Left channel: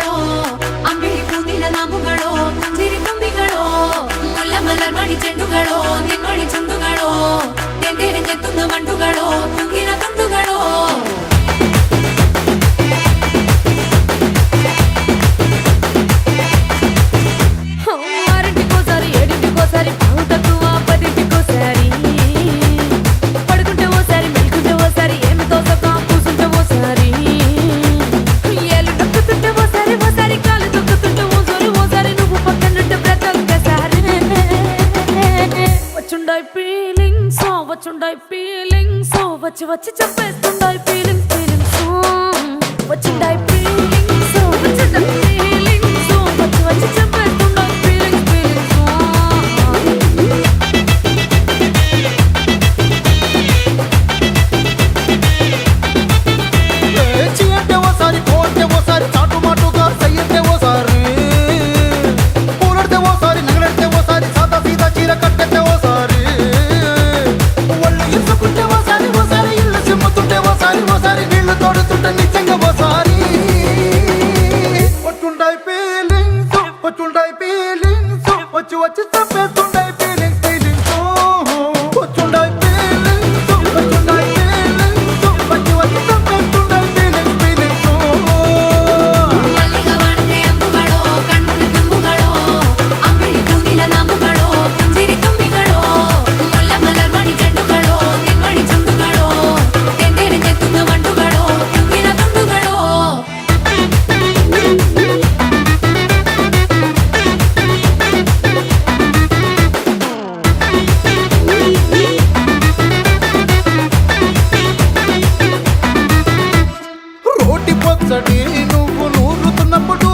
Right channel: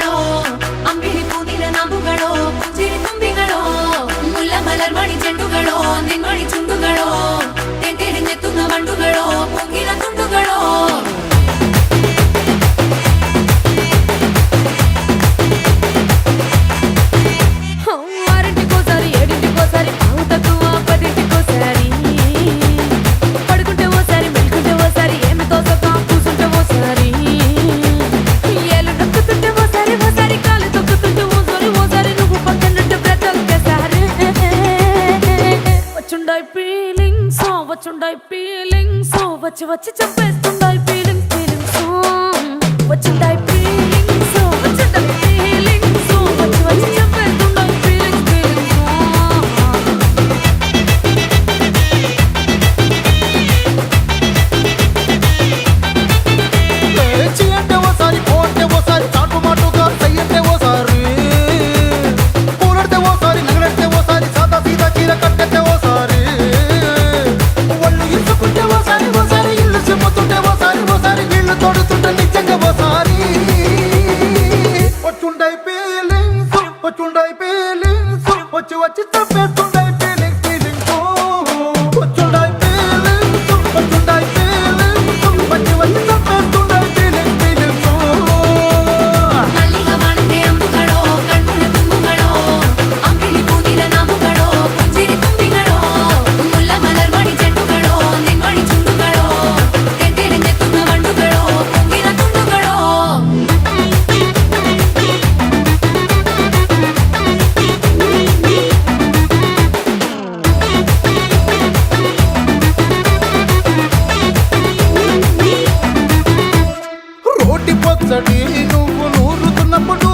ചെണ്ടുകളോ അമ്പിളി പൂനില നാമ്പുകളോ പുഞ്ചിരി തുമ്പികളോ മുല്ല മലർമണി ചെണ്ടുകളോ നിന്മണി ചുണ്ടുകളോ തെന്തെറിഞ്ഞെത്തുന്ന വണ്ടുകളോ പൊങ്കിന തുണ്ടുകളോ ఆరింటికోసారి ఏడింటికోసారి పావు తక్కువ పదింటికోసారి పడుకుంటే ఓసారి మెలుకుంటే ఓసారి ఏమి తోసక కూసుంటే ఓసారి ఏలు నొక్కుతుంటే ఓసారి ఓసారి కాలు తొక్కుతుంటే ఓసారి నువ్వు పక్కనుంటే బ్రతొక్కసారి వచ్చుండాయి ఫీలింగ్స్ వచ్చి వచ్చి చంపేస్తుండాయి ఫీలింగ్స్ వచ్చుండాయి ఫీలింగ్స్ వచ్చి వచ్చి చంపేస్తుండాయి ఫీలింగ్స్ చీ అంటే ఓసారి పో అంటే ఓసారి చాటు మాటుగా సై అంటే ఓసారి పూలడితే ఓసారి నగలడితే ఓసారి సాదా సీదా చీర కట్టెత్తే ఓసారి ఒళ్ళు ఇసుకుంటే ఓసారి ఇల్లు సిమ్ముతుంటే ఓసారి నీళ్లు తోడుతుంటే నిజంగా ఓసారి వచ్చుండాయి ఫీలింగ్స్ వచ్చి వచ్చి తప్పేస్తుండాయి ఫీలింగ్స్ వచ్చుండాయి ఫీలింగ్స్ వచ్చి వచ్చి తప్పేస్తుండాయి ఫీలింగ్స్ మల్లిగా వాడితే అంబుಗಳೋ కన్నుల దుమ్ముಗಳೋ అంబిళి పూనిల నాంబుಗಳೋ పుంజిరి తుమ్మిಗಳೋ ముల్ల మలర్మణి చెట్టుಗಳೋ నిన్మణి చుండుಗಳೋ తెందెరితెత్తున్న వండుಗಳೋ పొంగిన తుండుಗಳೋ రోటి పచ్చడి నువ్వు నూరుతున్నప్పుడు